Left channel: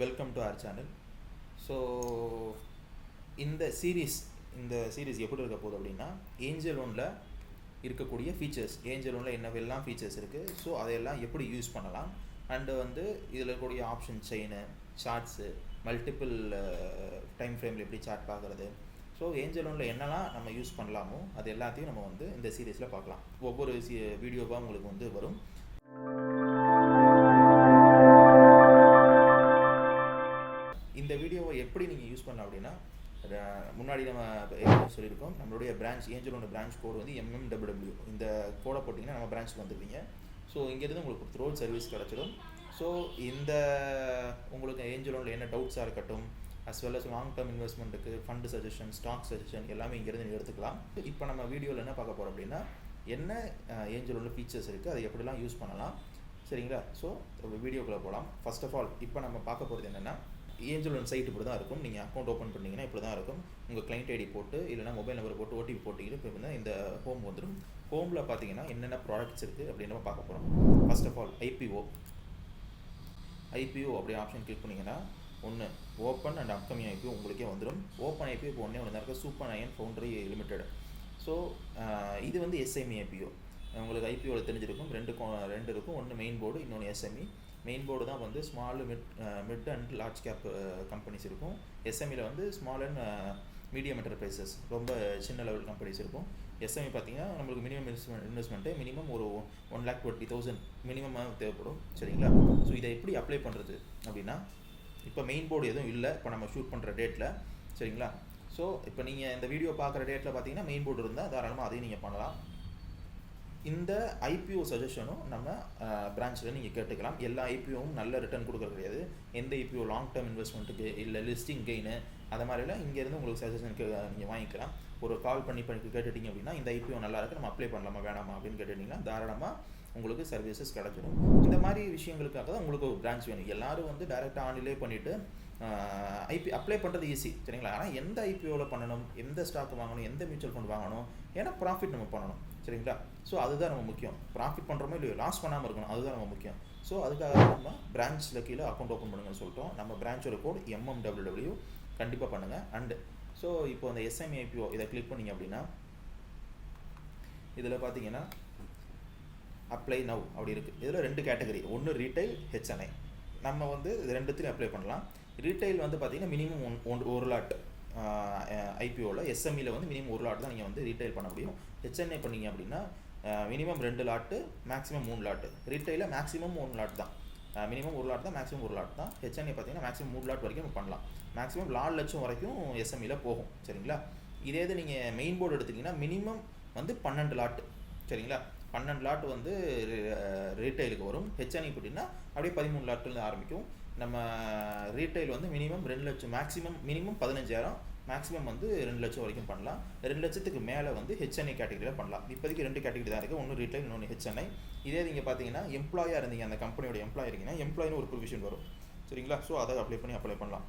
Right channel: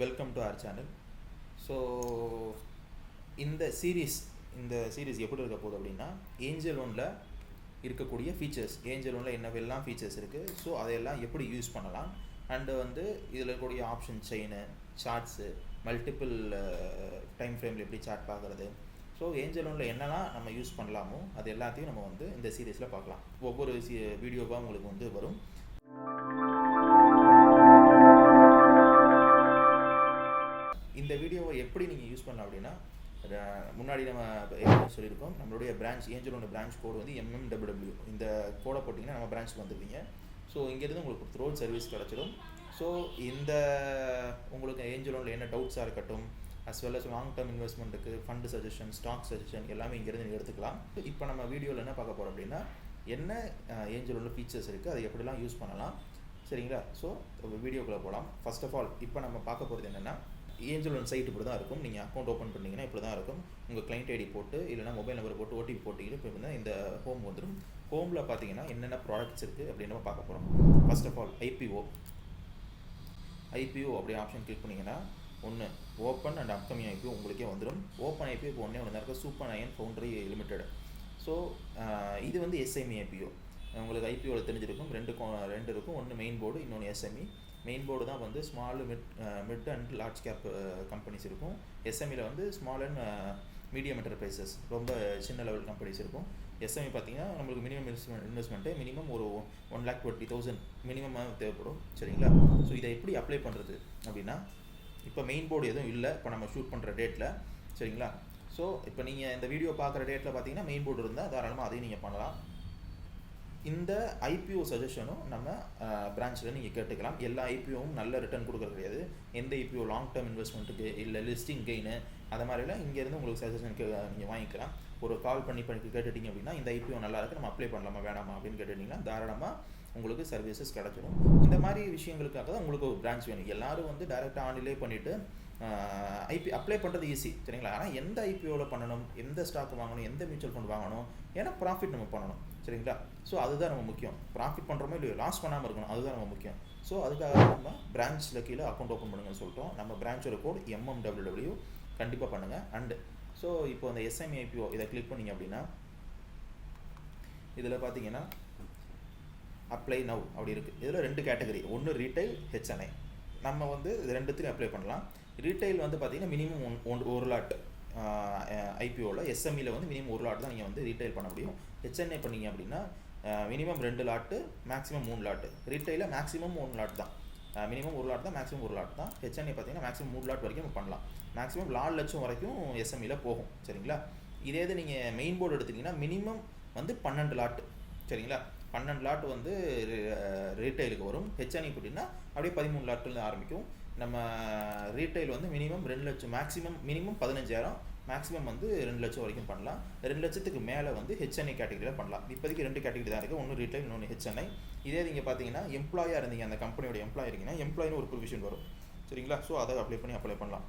Welcome to our channel. So இந்த series எப்படி இருக்க போகுது அப்படின்னா, ஏஞ்சல் லோனில் இருக்கக்கூடிய ஃபீச்சர்ஸ், ஏஞ்சல் லோனில் என்னவெல்லாம் ஃபீச்சர்ஸ் இருக்குது, ஸோ அதையெல்லாம் எப்படி யூஸ் பண்ணலாம், அண்டு வந்து இதில் இருக்கக்கூடிய option chain, shorts, multiple time ஃப்ரேமில் எப்படி சார்ட் பார்க்குறது, ஸோ ஏஞ்சல் லோனில் என்னெல்லாம் நம்ம யூஸ் பண்ணலாமோ அது எல்லாத்தையும் நம்ம வந்து இந்த சீரீஸில் பார்க்கலாம். ஒவ்வொரு வீடியோவாக உங்களுக்கு வந்து வரும். இந்த வீடியோவை எப்படி நீங்கள் யூஸ் பண்ணலாம் அப்படின்னா, முன்னாடி நம்ம சொல்லியிருக்கோம், நம்மளுடைய பிரான்ச் ஏஞ்சலோட பிரான்ச் கோடு வந்து MMWW. இந்த கோடை போட்டிங்கன்னா நம்ம பிரான்ச்சுக்கு வந்துருவீங்க. ஸோ இங்கேருந்து உங்களுக்கு த்ரோல் சர்வீஸ் கிடச்சிடும். ஸோ இந்த உங்களுக்கு ஏஞ்சலோனில் என்ன டவுட்ஸாக இருக்கட்டும், as well as long term இன்வெஸ்ட்மெண்ட்டுக்கு ஃபண்டு சஜஷன், ஸ்டாக் சஜஷன் எல்லாமே இங்கேருந்து நீங்கள் எடுத்துக்கலாம். இப்போ நம்ம வீடியோவில் என்ன பார்க்க போகிறோம் அப்படின்னா, என்ன ஏஞ்சலோட ஃபீச்சர்ஸ் இருக்குது, அதை எப்படிலாம் யூஸ் பண்ணலாம், சரிங்களா? ஸோ வீடியோக்குள்ளே போகலாம். ஃபர்ஸ்ட் ஆஃப் ஆல் இப்போ நம்ம பார்க்க போகிறது என்னென்னா, ஏஞ்சல் லோன் சைட் இப்படி தான் இருக்கும். நீங்கள் அக்கௌண்ட் ஓப்பன் பண்ணிங்கன்னா இப்படி தான் இருக்கும். உங்கள் கிளைண்ட் ஐடி போட்டு இல்லைனா மொபைல் நம்பர் போட்டு ஓடிபி போட்டிங்கன்னா இப்போ வந்து இந்த ஹோம் வந்துடும். ஹோமில் பார்த்தீங்கன்னா என்னென்ன ப்ராடக்ட்ஸ் இருக்குது அப்படின்னு நம்ம பார்க்க போகிறோம். ஃபர்ஸ்ட் ஆஃப் ஆல் ஐபிஓ அப்படி ஆப்ஷன் கிளிக் பண்ணிங்கன்னா ஒன்று ஓப்பன் அண்ட் அப்கமிங் ஐபிஓ உங்களுக்கே வந்துடும். ஓப்பன் ஐபிஓ இப்போ ஒன்றே ஒன்று தான் இருக்குது, super iron foundry limited. So இது வந்து எஸ்எம்இ ஐபிஓ. உங்களுக்கு ஐபிஓவில் தெரிஞ்சிருக்கும், ரெண்டு இருக்கும். ஒன்று மெயின் போர்டு, இன்னொன்று எஸ்எம்இ. மெயின் போர்டு தான் வந்து small mid and large cap companies இருக்கும். எஸ்எம்இயில் வந்து ஸ்மால் அண்ட் மீடியம் என்டர்பிரைசஸ், ரொம்ப சின்ன லெவல் கம்பெனிஸ் இருக்கும். எஸ்எம்இ பார்த்தீங்கன்னா நம்மளுக்கு மினிமம் இன்வெஸ்ட்மெண்ட்டு மினிமம் ஒரு 1,20,000 மினிமமாக தேவைப்படும், சரிங்களா? ஸோ இதை எப்படி அப்ளை பண்ணுறது அப்படின்னா, இப்போ மெயின் போர்டு எதுவும் இல்லை இப்போ நம்ம ஷூட் பண்ணுற டேட்டில், சரிங்களா? ஸோ இப்போ நீங்கள் இந்த வீடியோ பார்க்குற டேட்டில் பார்த்தீங்கன்னா மெயின் போர்டு இருந்தால் தாராளமாக அதையும் நீங்கள் பண்ணலாம். இந்த ஐபிஓ சஜஷனும் நம்ம பிரான்ச்சில் நீங்கள் கேட்டுக்கலாம். எல்லா ஐபிஓவும் நல்ல ரிட்டர்ன் கொடுக்குறது கிடையாது. எந்த ஐபிஓ லாங் டேர்ம் இன்வெஸ்ட்மெண்ட்டுக்கு இல்லை லிஸ்டிங் கெயின் அது மாதிரிலாம் இங்கேருந்து உங்களுக்கு சஜஷனுக்கு நீங்கள் வாங்கிக்கலாம். ஒரு கால் பண்ணி கேட்டுட்டிங்க அப்படின்னா, இந்த ஐபிஓ நல்லா இருக்குது, நம்ம அப்ளை பண்ணலாமா வேணாமா அப்படின்னு கேட்டுட்டிங்கன்னா தாராளமாக உங்களுக்கு சர்வீசஸ் கிடச்சிடும். இந்த மாதிரி விஷயங்களுக்காக தான் உங்களுக்கு ஒரு பிரான்ச் வேணும். எல்லோரும் வந்து டைரெக்டாக ஆன்லைன்லேயே பண்ணிவிட்டு அப்ளை பண்ணுறது ஈஸி, சரிங்களா? ஆனால் எந்த ஐபிஓவில் பண்ணணும், எந்த ஸ்டாக் வாங்கணும், எந்த மியூச்சுவல் ஃபண்ட் வாங்கணும், ஏன்னா ப்ராஃபிட் நம்ம பண்ணணும், சரிங்களா? ஸோ அதுதான் நம்ம முக்கியம். ப்ராஃபிட் பண்ணுறோமோ இல்லையோ, லாஸ் பண்ணாமல் இருக்கணும், அதுதான் நம்ம முக்கியம். ஸோ அதுக்காக நம்ம பிரான்ச்சில் கீழே அக்கௌண்ட் ஓப்பன் பண்ணுங்கன்னு சொல்லிட்டோம். நம்ம பிரான்ச்சோட கோட் MMWW கண்டிப்பாக பண்ணுங்கள். அண்டு ஸோ இப்போ அந்த எஸ்எம்இ ஐபிஓ இதை கிளிக் பண்ணிங்க அப்படின்னா, இதில் பார்த்தீங்கன்னா அப்ளை நவ் அப்படி இருக்குது. இதில் 2 கேட்டகரி, ஒன்று ரீட்டைல், ஹெச்என்ஐ. நம்ம வந்து இது ரெண்டுத்தையும் அப்ளை பண்ணலாம். ரீட்டைல் வந்து பார்த்தீங்கன்னா மினிமம் 1 லாட் ஐபிஓவில், எஸ்எம்இயில் வந்து மினிமம் 1 லாட் தான் நீங்கள் வந்து ரீட்டைல் பண்ண முடியும். ஹெச்என்ஐ பண்ணிங்க அப்படின்னா மினிமம் 2 லாட்டு, மேக்ஸிமம் 3 லாட்டு. ரீட்டைலில் மேக்ஸிமம் 1 லாட் தான், மினிமம் 1 லாட் தான், மேக்ஸிமம் 1 லாட் தான். ஹெச்என்ஐ பார்த்தீங்கன்னா மேக்ஸிமம் 3 லாட் வரைக்கும் நம்ம பண்ணலாம். மேக்ஸிமம் 4 லட்சம் வரைக்கும் எஸ்எம்இயில் போகும், சரிங்களா? இதே இது நீங்கள் மெயின் போர்டு எடுத்திங்கன்னா மினிமம் வந்து 12 லாட்டு, சரிங்களா? 12 லாட் வந்து ரீட்டைலுக்கு வரும். ஹெச்என்ஐ போட்டிங்கன்னா அப்படியே 13 லாட்டில் ஆரம்பிக்கும். நம்ம ரீட்டைல் வந்து மினிமம் 2 லட்சம், மேக்ஸிமம் மினிமம் 15,000, மேக்ஸிமம் வந்து 2 லட்சம் வரைக்கும் பண்ணலாம். 2 லட்சத்துக்கு மேலே வந்து ஹெச்என்ஐ கேட்டகரியில் பண்ணலாம். இப்போதைக்கு 2 கேட்டகரி தான் இருக்குது, ஒன்று ரீட்டைல், இன்னொன்று ஹெச்என்ஐ. இதே நீங்கள் பார்த்தீங்கன்னா எம்ப்ளாயாக இருந்தீங்க, அந்த கம்பெனியோட எம்ப்ளாய் இருக்கீங்கன்னா எம்ப்ளாயின்னு ஒரு ப்ரொவிஷன் வரும், சரிங்களா? ஸோ அதை அப்ளை பண்ணலாம்.